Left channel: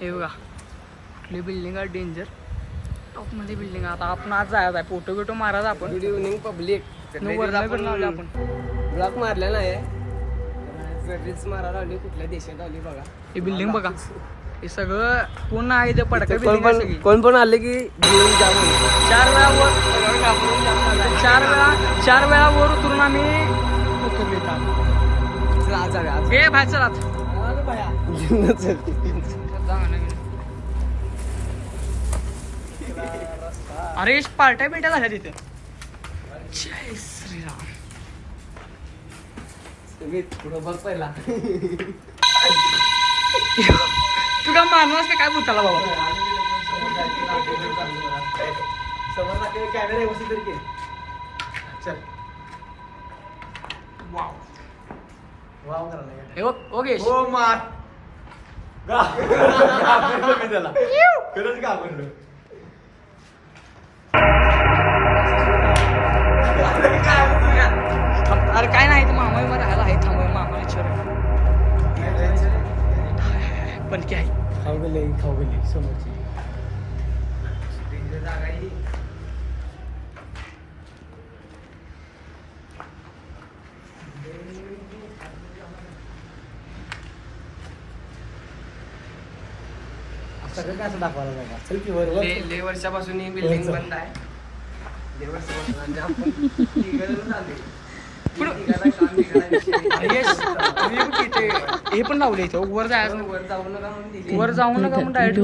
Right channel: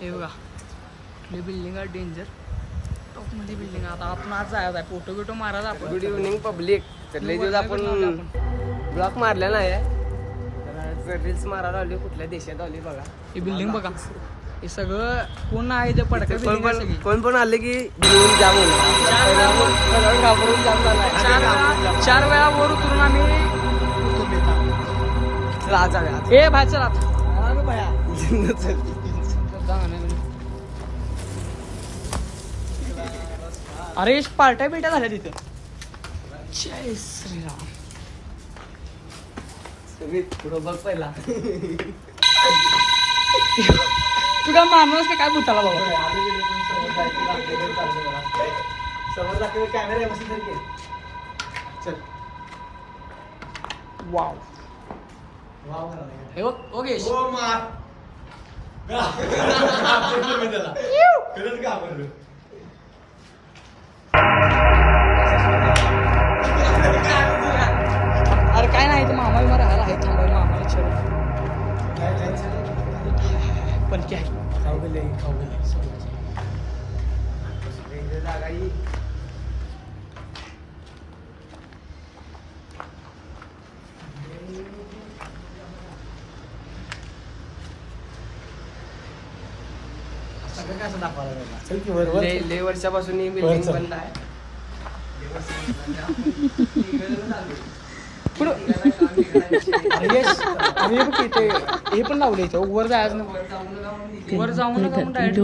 हे बघा कुठली बिल्डिंग आहे डेंजर टॉप मध्ये बिल्डिंग. आता आपण आज जायचं आहे फोटो बिटो मारायचा आपण. Good evening public. आपण ब्लॉक मारला नाही रील्स मारायला आली कुठल्या देशात आली बघा. ही बिल्डिंग बघा हे सगळं कोण आहे ते पडका बिल्डिंग आहे सगळी. कोण पण आले की घेऊन जा म्हणून 4 वेळा वर 4 वेळा वर उतरून आम्ही उतरले हे बाहेर चला अरे पार्ट्या बिट्या झाल्या तिथे. जय श्रीराम. पुढं बघ पहिला तू काय मारणार काय भूताला बाबा. कॅमेरा व्यवस्थित चल वाव वाव हे बघ ओके हो मार खरंच का म्हणलं अरे काय नाही तर मामा विमा राहायला आहे थांबा मामा विचार पण ते आहे लय वर्षापासून ही बिल्डिंग बंद आहे. हे पण लावले इथं वर जायचं वर जाऊन नका म्हणून डायरेक्ट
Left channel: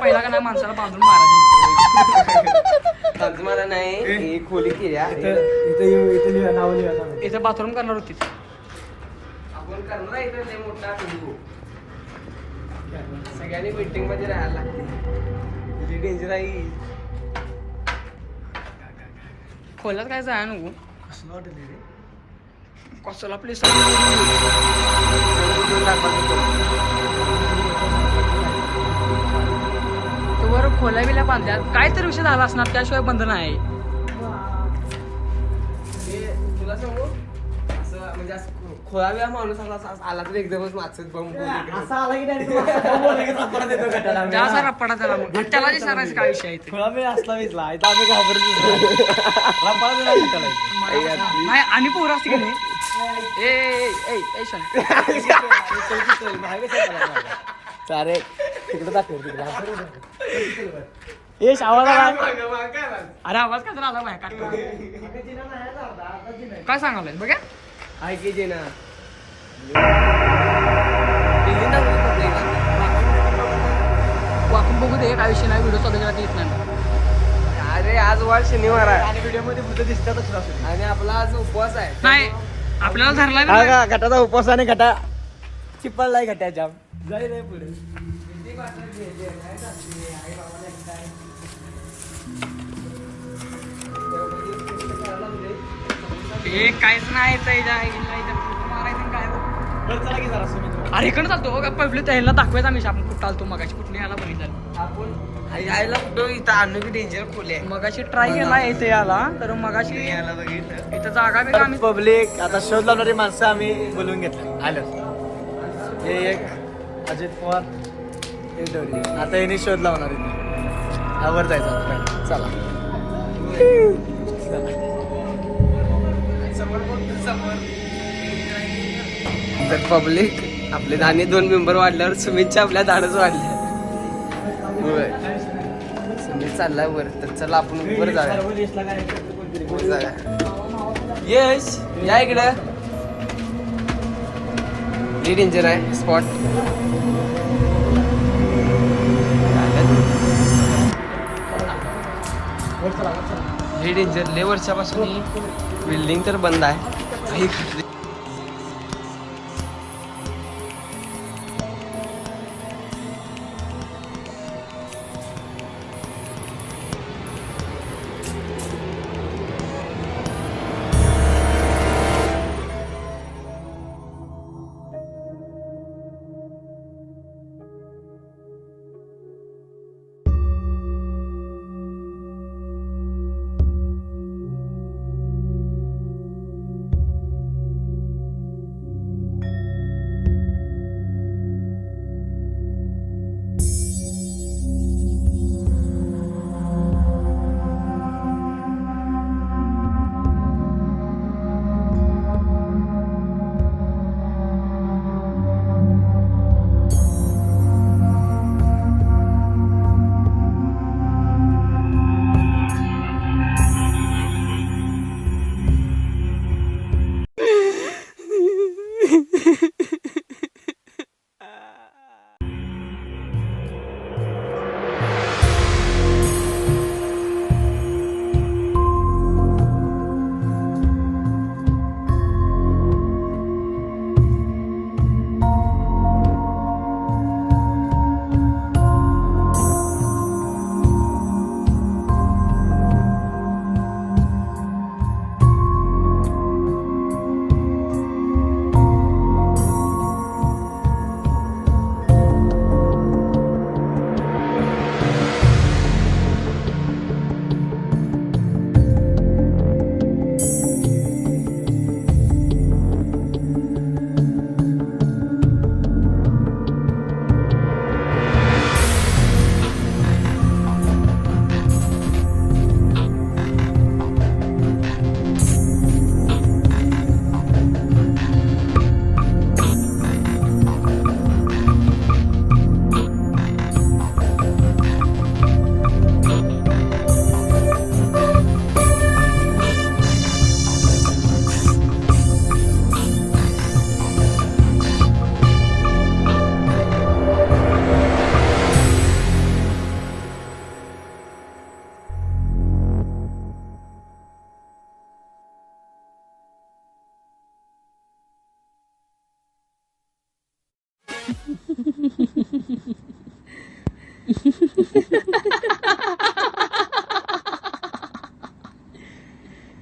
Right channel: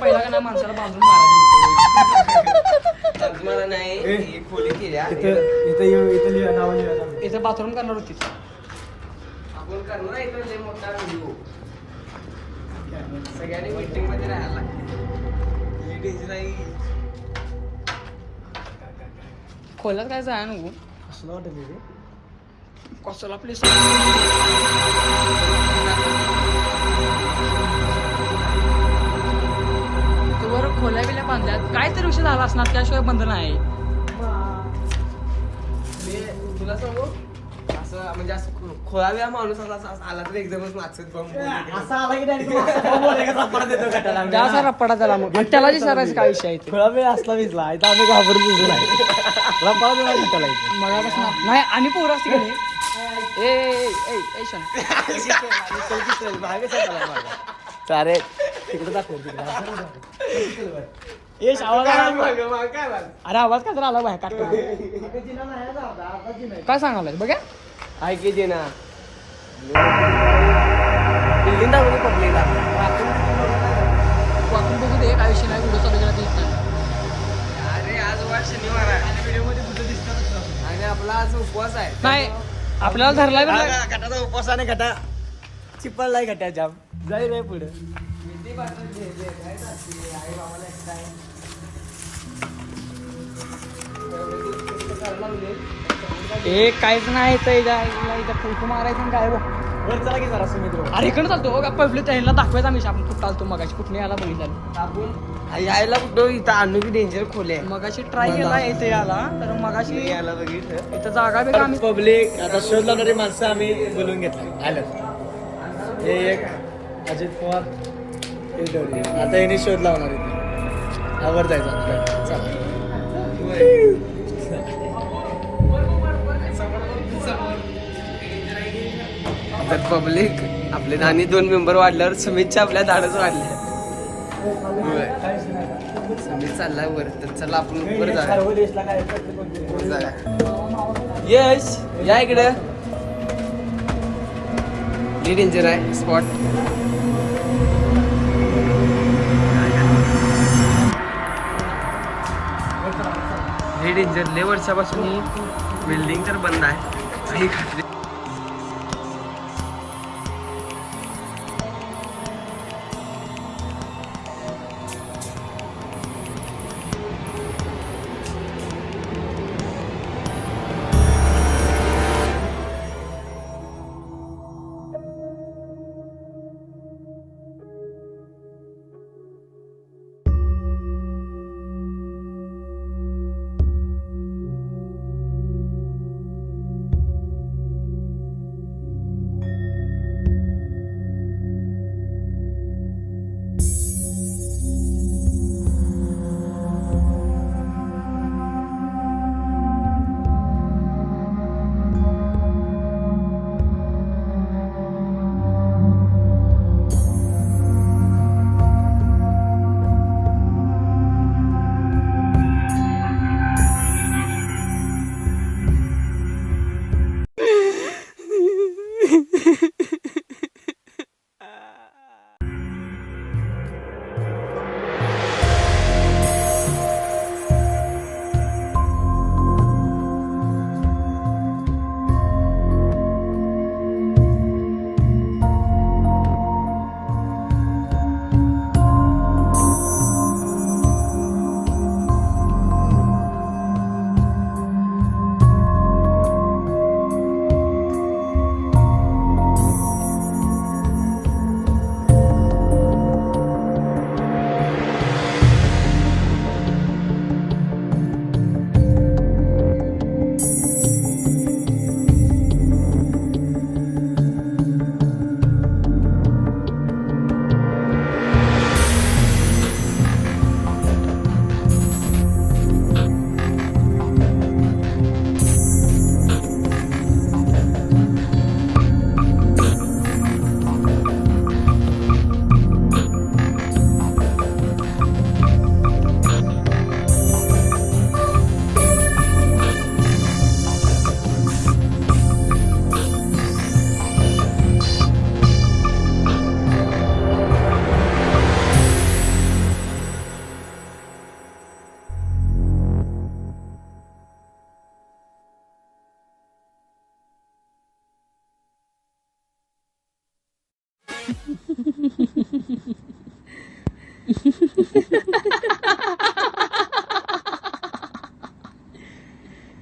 पहिला का नाही माणसाला बांधून मारायचं मला नाही खोली केली इथं बाथरूम करणार होती आपण करणार इथं लय मोठा व्हिडिओ. सगळ्यांनी मीटिंग मध्ये राहायला लागते. डेंजर आहे खोल्यात काय जाय नको कसला प्लेस वर खोल्या बिल्या बांधल्या काय तरी विषय झाला असणार त्याशिवाय बंद नाही. तुला सांगू असं म्हणजे असं खोळाव्या माणूस आला तर एकदमच नाचत बंब असा आला की रप्पडा त्याला मग त्याला विचारायचं काय विषय आहे थोडा वेळ असला विसला आम्ही घाबरून नाही आणि पोरं असते की नाही अरे तिकडे दाखव तिकडे येश आवाज आला. अरे आवाज का तर आला बाहेर काढला काय सांगायला बघा आहे की जे ना बिल्डिंग दाखवली पब्लिक वाकून बघू दे काय विषय नाही व्हिडिओ चालू केला येत नाही. अरे आज वार शनिवार आहे आणि व्हिडिओ मध्ये भूत दिसतातच आणि आपला आज उपवास आहे. नाही आपल्याला धरला बी नाही. घटाचा उपवास आणि घटा चिपळलाय घट्या जाम जाई रे पुढे हे काहीच नाही फोटो मारायचं काय अरे इकडे चालतो बघा पब्लिक त्यांना दाखवायचं आम्ही आपण कुठं चालतो मगाशी कुठे यायला बघितलं आपण यायला कुठं इथं आणू की डेंजर खोले मगाशी ट्राय केला इथे याला तर मगाशी इथं जागा बी आम्ही पब्लिक आता शोध लावणारी माणसं आम्ही बोलवून घेतलं आलं. हे एक अजित पवार हे दोन्ही आता यांनी शोध लावणार इथे यावर जायचं आपल्याला चला तर पब्लिक आपले धान्य 2 मेंबर वाढल्यावर सुमितच्या आपल्या धाडच वाढल्या. सुमित चाललाय वर तर चला आपण वर जाऊया. यस या इकडं हे डेंजर आहे स्पॉट. हे डेंजर लय वर्षापासून ही बिल्डिंग तर बंद आहे.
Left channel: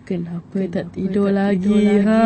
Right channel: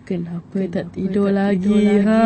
Kenapa tak tidur lagi, ha?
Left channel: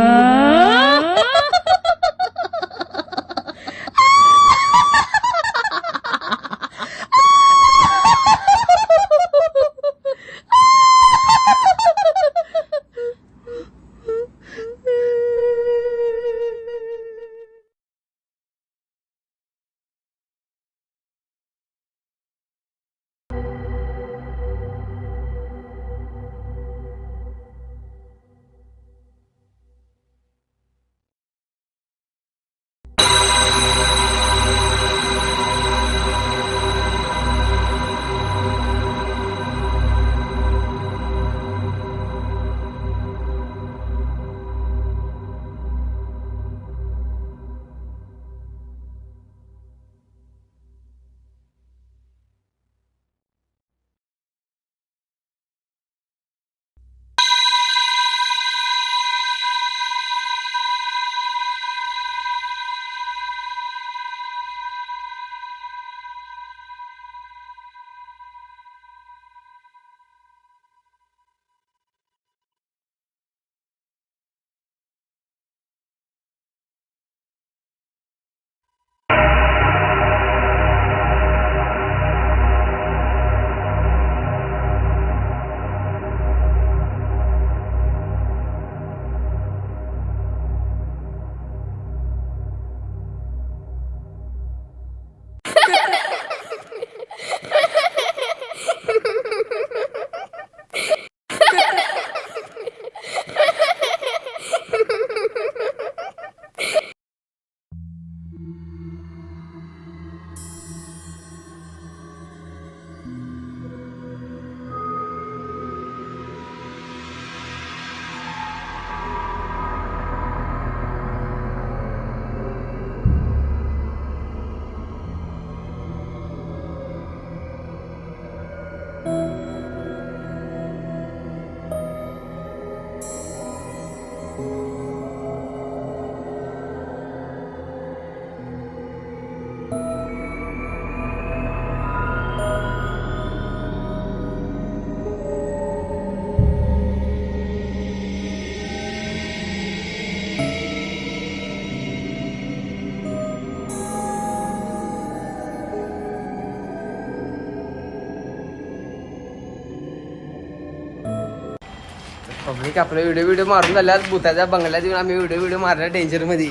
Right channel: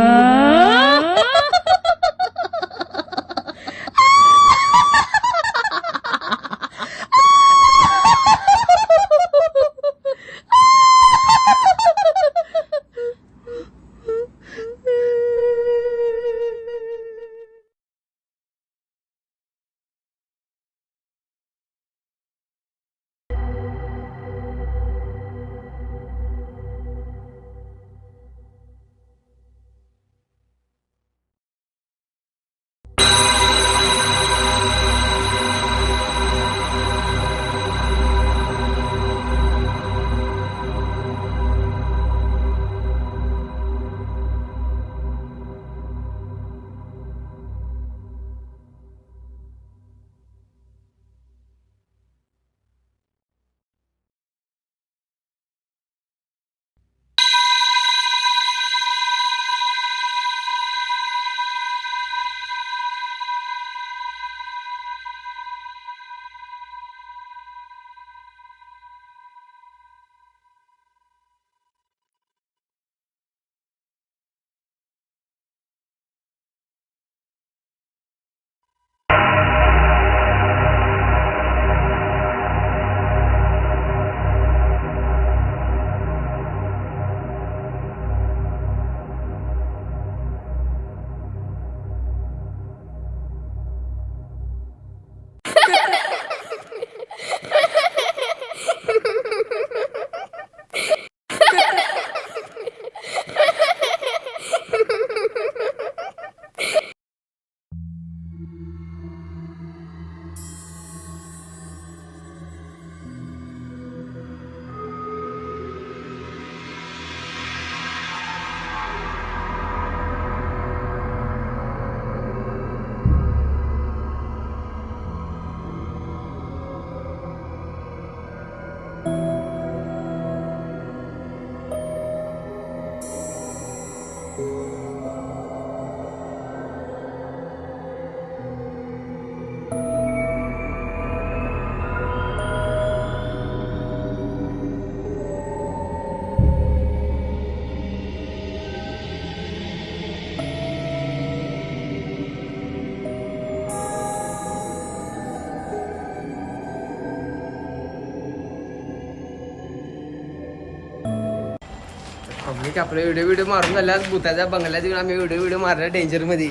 Public आपले व्हिडिओ मारून झाल्यात. भूताच्या बंगल्यात येऊन आम्ही व्हिडिओ मारला डेंजर मध्ये.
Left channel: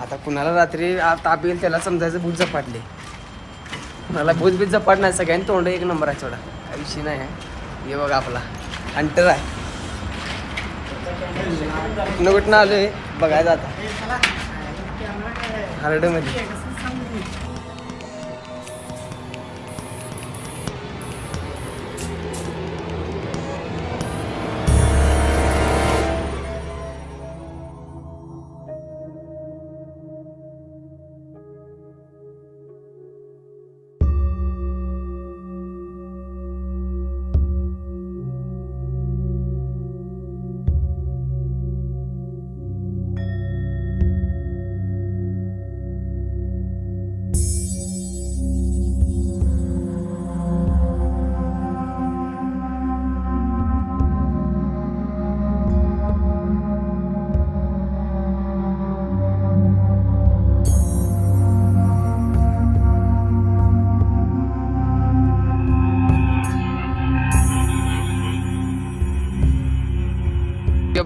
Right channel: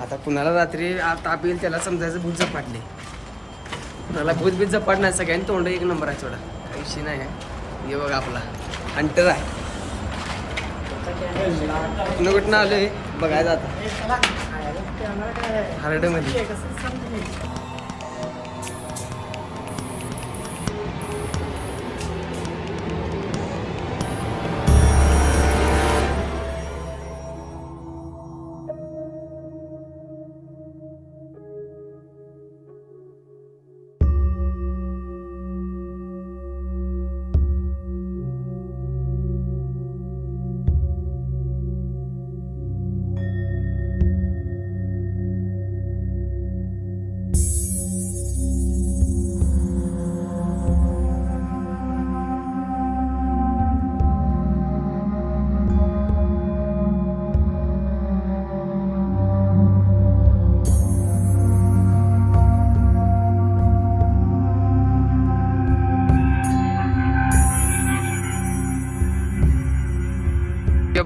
आता कुणाला रात्री ताप येईल त्याला समजायचं भूत झपाटले. कुणाला भूत बीत झपाट नाही. सगळ्यांनी तोंड एक नंबर आहे. सोडा काही विषय नाही आहे. हे बघा आपला हंटर आहे. कुठनं कुठनं आलोय बघायचं आता हार्डमध्ये.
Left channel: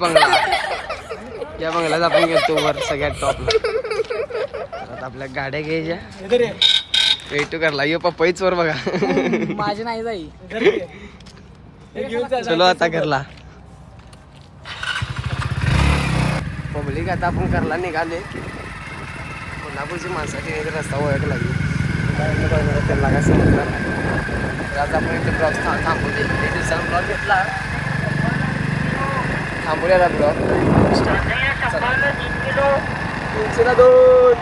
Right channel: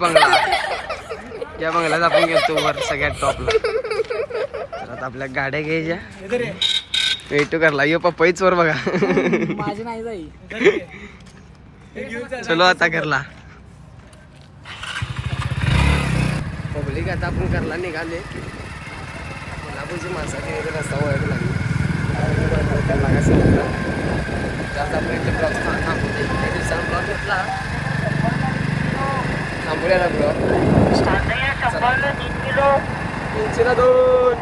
बंगला या बंगल्यात आपण गेलो वर सगळ्यात टॉपला. आता आपल्या गाड्या घ्यायच्या. वेट करला यो पप्पाईच वर बघा. माझी नाही जाई. चलो आता करला पब्लिक. आता आपण करला निघाले. कोल्हापूरची माणसाची रस्ता ओळख लागली. त्यांना काय समजलं. आज आपण इथे ब्लॉग थांबू दे. ते दिवसांनी ब्लॉग घेतला. थांबूया ब्लॉग. 302